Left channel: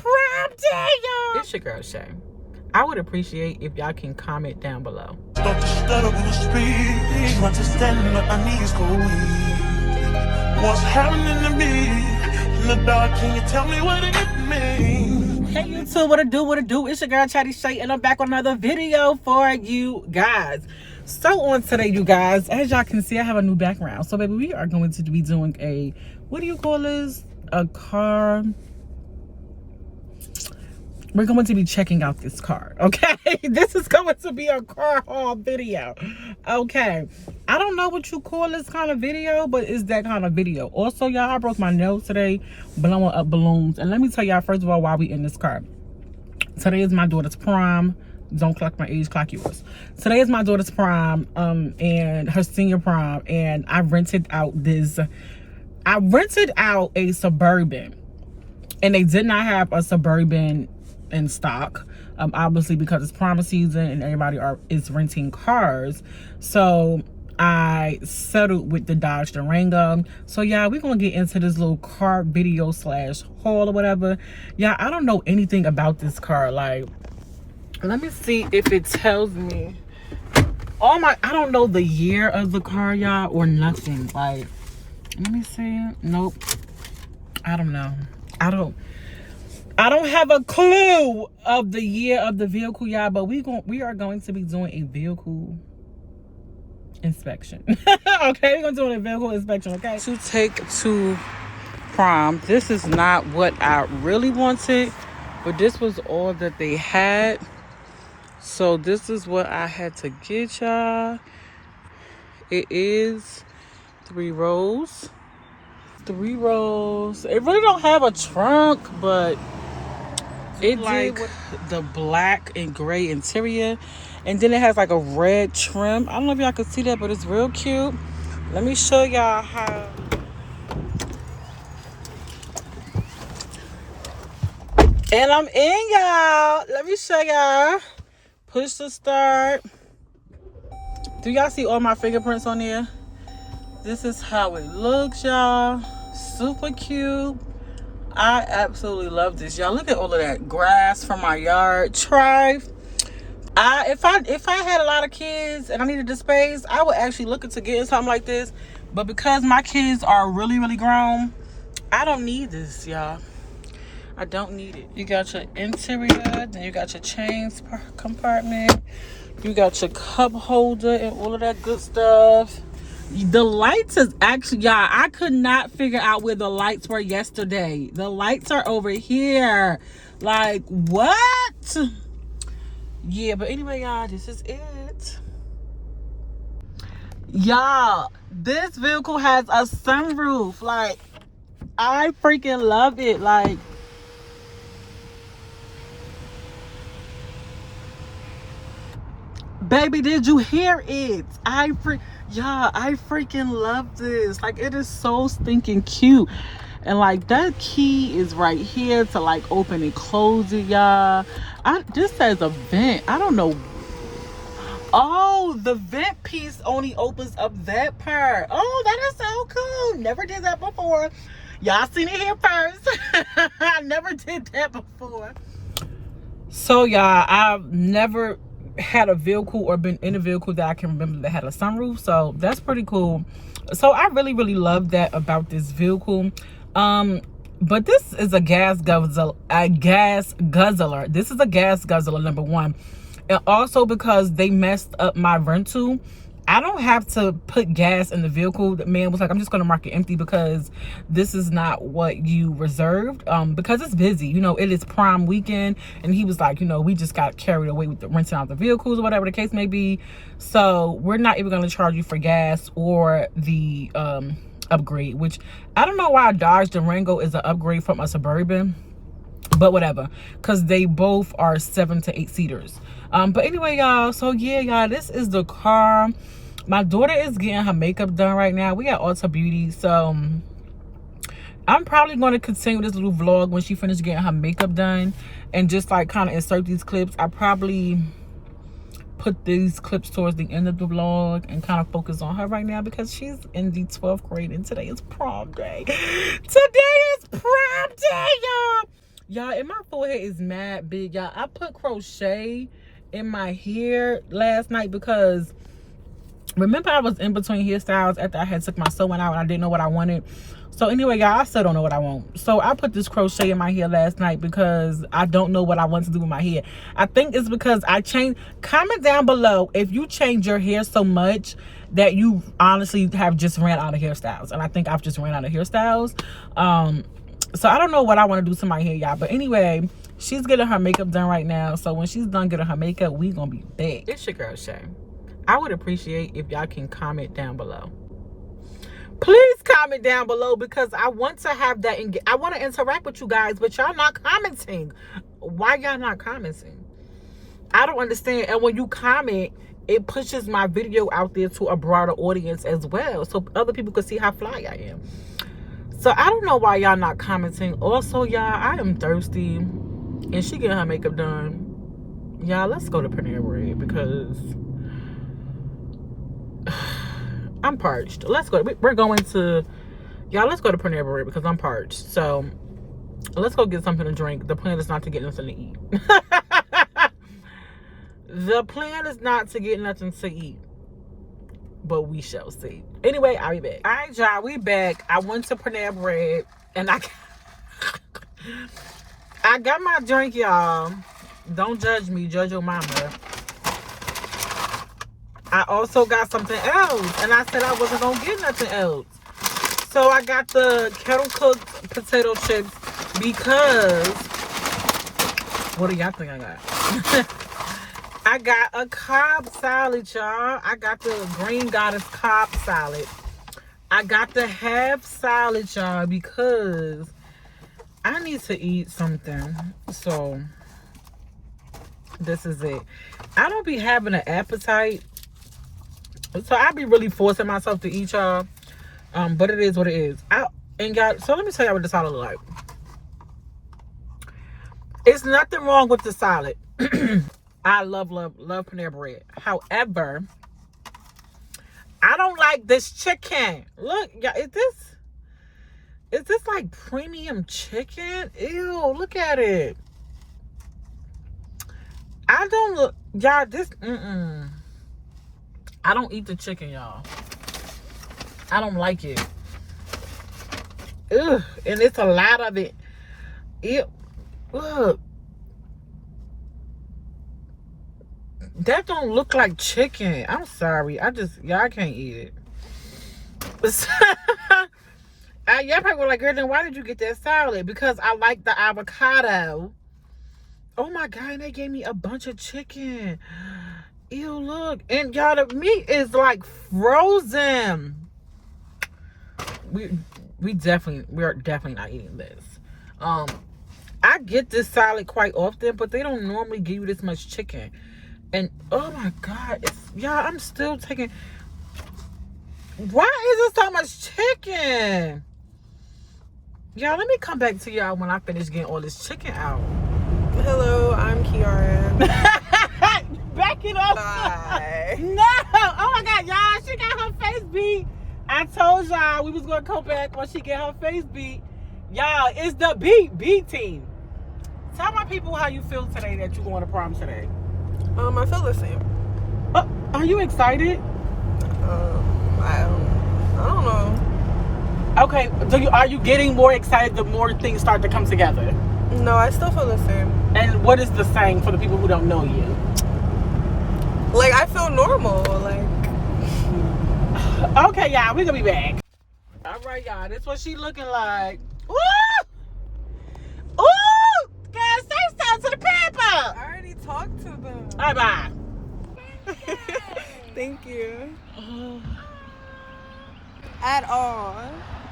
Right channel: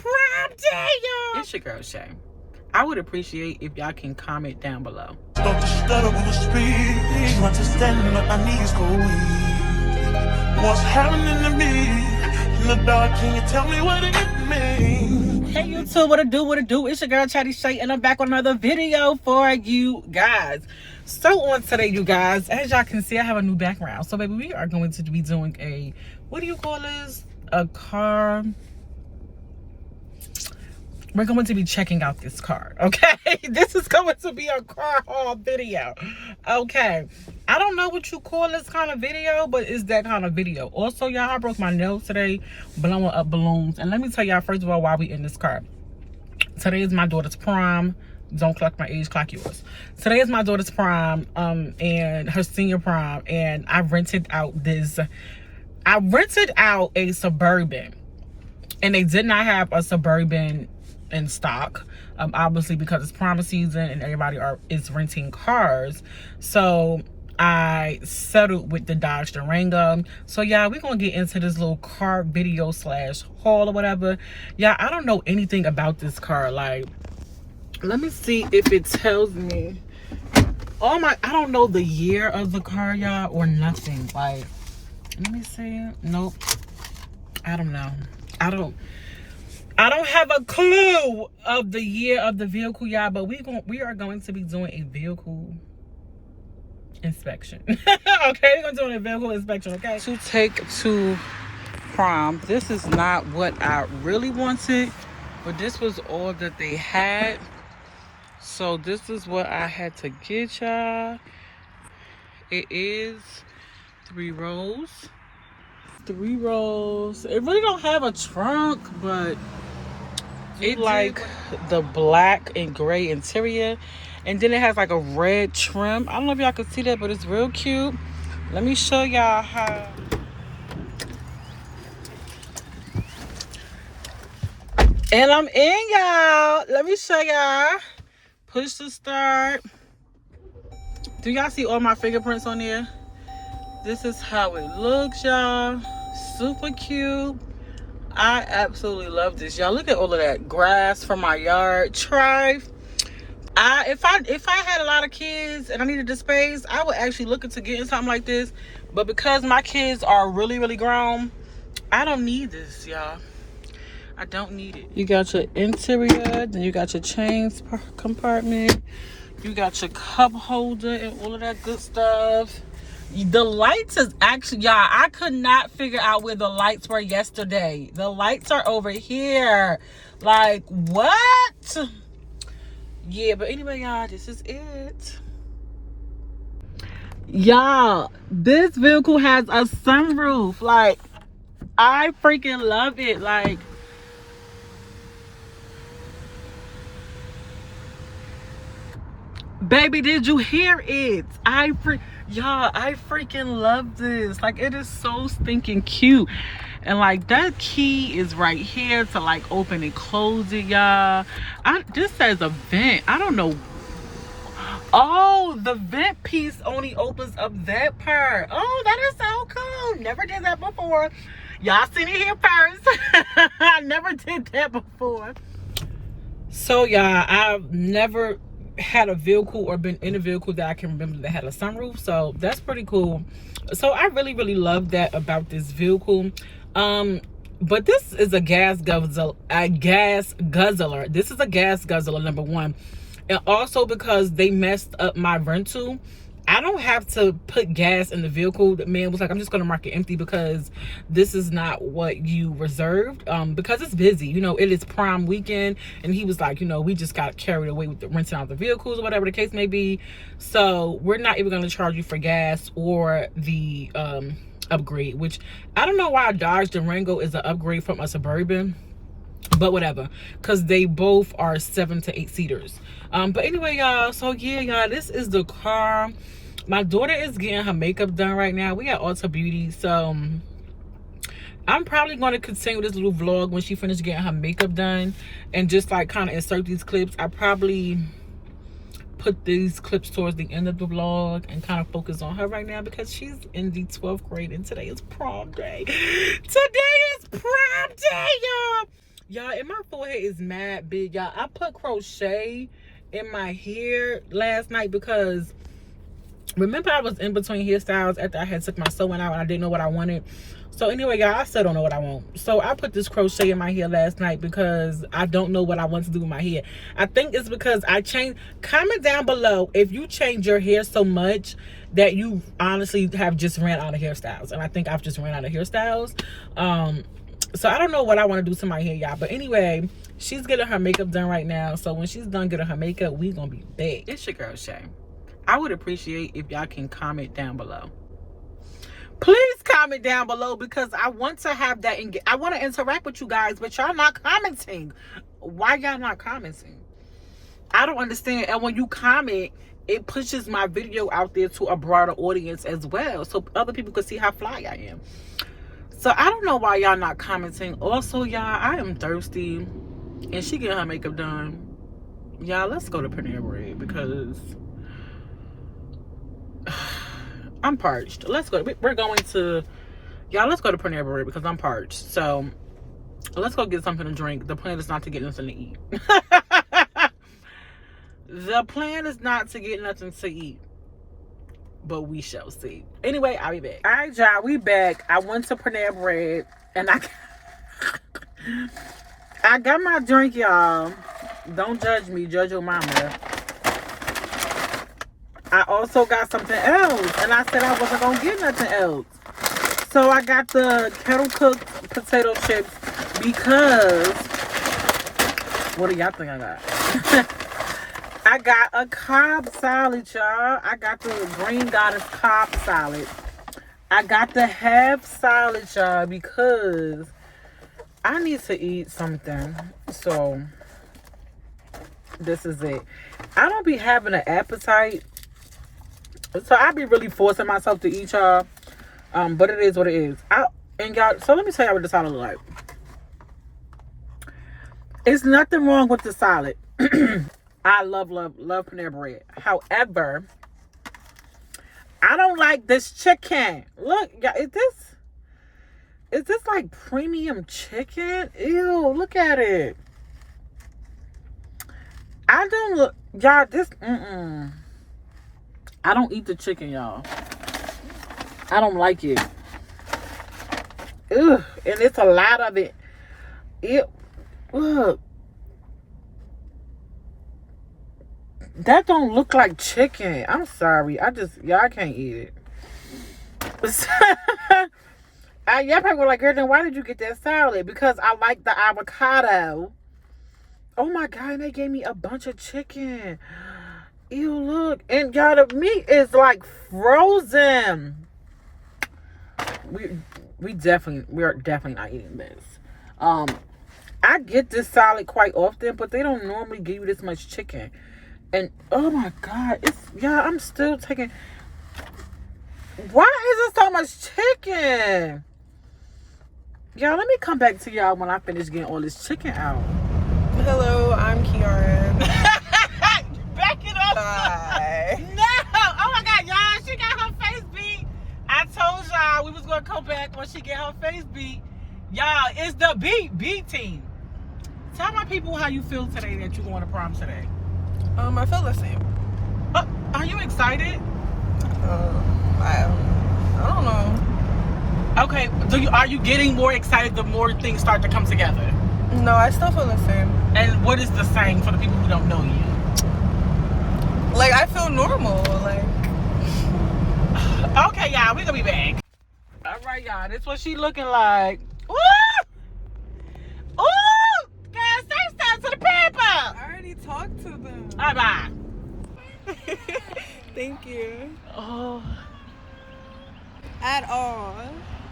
prom day, y'all. It's your girl, Shay. I would appreciate if y'all can comment down below. Don't you stutter when you speak. Understanding that my knees go weak. What's happening to me in the dark? Can you tell me what it means? Hey YouTube, what it do? It's your girl Chatty Shay, and I'm back with another video for you guys. So on today, you guys, as y'all can see, I have a new background. So baby, we are going to be doing a, what do you call this? A car. We're going to be checking out this car, okay? This is going to be a car haul video, okay? I don't know what you call this kind of video, but it's that kind of video. Also, y'all, I broke my nose today blowing up balloons. And let me tell y'all, first of all, why we in this car. Today is my daughter's prom. Don't clock my age, clock yours. Today is my daughter's prom, and her senior prom. And I rented out a Suburban. And they did not have a Suburban in stock, obviously because it's prom season and everybody is renting cars. So I settled with the Dodge Durango. So yeah, we're gonna get into this little car video slash haul or whatever. Yeah, I don't know anything about this car. Like, let me see if it tells me. I don't know the year of the car, y'all, or nothing. Like, let me see. Nope, I don't know. I don't have a clue of the year of the vehicle, y'all, but we are going to be doing a vehicle inspection. Okay, we're gonna do a vehicle inspection, okay? To take to prom. This is not what I really wanted, but this was all that they had. So this is what I had to get, y'all. It is 3 rows. 3 rows. It really don't have a trunk, but it like the black and gray interior, and then it has like a red trim. I don't know if y'all can see that, but it's real cute. Let me show y'all how. And I'm in, y'all. Let me show y'all. Push to start. Do y'all see all my fingerprints on there? This is how it looks, y'all. Super cute. I absolutely love this, y'all. Look at all of that grass from my yard. If I had a lot of kids and I needed the space, I would actually look into getting something like this. But because my kids are really, really grown, I don't need this, y'all. I don't need it. You got your interior, then you got your chains compartment. You got your cup holder and all of that good stuff. The lights is actually, y'all, I could not figure out where the lights were yesterday. The lights are over here. Like, what? Yeah, but anyway, y'all, this is it. Y'all, this vehicle has a sunroof. Like, I freaking love it. Like, baby, did you hear it? Y'all, I freaking love this. Like, it is so stinking cute. And like, that key is right here to like open and close it, y'all. This says a vent. I don't know. Oh, the vent piece only opens up that part. Oh, that is so cool. Never did that before. Y'all seen it here first. I never did that before. So y'all, I've never had a vehicle or been in a vehicle that I can remember that had a sunroof, so that's pretty cool. So I really love that about this vehicle. But this is a gas guzzler. This is a gas guzzler, number one. And also because they messed up my rental, I don't have to put gas in the vehicle. The man was like, I'm just gonna mark it empty because this is not what you reserved. Because it's busy, you know, it is prom weekend, and he was like, you know, we just got carried away with the renting out the vehicles or whatever the case may be. So we're not even gonna charge you for gas or the upgrade, which I don't know why a Dodge Durango is an upgrade from a Suburban, but whatever, because they both are 7 to 8 seaters. But anyway, y'all, so yeah, y'all, this is the car. My daughter is getting her makeup done right now. We at Ulta Beauty, so I'm probably going to continue this little vlog when she finishes getting her makeup done and just like kind of insert these clips. I probably put these clips towards the end of the vlog and kind of focus on her right now because she's in the 12th grade and today is prom day. Today is prom day, y'all. Y'all, and my forehead is mad big, y'all. I put crochet in my hair last night because remember I was in between hairstyles after I had took my sewing out and I didn't know what I wanted. So anyway, y'all, I still don't know what I want. So I put this crochet in my hair last night because I don't know what I want to do with my hair. I think it's because I changed. Comment down below if you change your hair so much that you honestly have just ran out of hairstyles. And I think I've just ran out of hairstyles. So I don't know what I want to do to my hair, y'all. But anyway, she's getting her makeup done right now. So when she's done getting her makeup, we gonna be back. It's your girl, Shay. I would appreciate if y'all can comment down below. Please comment down below because I want to have that. I want to interact with you guys, but y'all not commenting. Why y'all not commenting? I don't understand. And when you comment, it pushes my video out there to a broader audience as well, so other people can see how fly I am. So I don't know why y'all not commenting. Also, y'all, I am thirsty, and she getting her makeup done. Y'all, let's go to Panera Bread because I'm parched. Let's go. We're going to, y'all, let's go to Panera Bread because I'm parched. So let's go get something to drink. The plan is not to get nothing to eat. The plan is not to get nothing to eat, but we shall see. Anyway, I'll be back. All right, y'all, we back. I went to Panera Bread and I got my drink, y'all. Don't judge me, judge your mama. I also got something else, and I said I wasn't gonna get nothing else. So I got the kettle cooked potato chips because what do y'all think I got? I got a Cobb salad, y'all. I got the Green Goddess Cobb salad. I got the half salad, y'all, because I need to eat something. So this is it. I don't be having an appetite, so I be really forcing myself to eat, y'all. But it is what it is. And y'all, so let me tell y'all what the salad look like. It's nothing wrong with the salad. I love Panera Bread. However, I don't like this chicken. Look, y'all, is this like premium chicken? Ew, look at it. I don't look, y'all, this, I don't eat the chicken, y'all. I don't like it. Ugh, and it's a lot of it. Look. That don't look like chicken. I'm sorry. Y'all can't eat it. Y'all probably were like, girl, then why did you get that salad? Because I like the avocado. Oh my God, and they gave me a bunch of chicken. Ew, look. And y'all, the meat is like frozen. We're definitely not eating this. I get this salad quite often, but they don't normally give you this much chicken. And oh my God, y'all, I'm still taking. Why is there so much chicken? Y'all, let me come back to y'all when I finish getting all this chicken out. Hello, I'm Kiara. Back it up. Bye. No. Oh my God, y'all, she got her face beat. I told y'all we was gonna come back when she get her face beat. Y'all, it's the B team. Tell my people how you feel today that you're going to prom today. I feel the same. Are you excited? I don't know. Okay, are you getting more excited the more things start to come together? No, I still feel the same. And what is the same for the people who don't know you? Like, I feel normal. Like, okay, y'all, we're gonna be back. All right, y'all, that's what she looking like. Woo! Ooh! Girl, say something to the people. I already talked to them. Bye. Thank you. Oh. At all.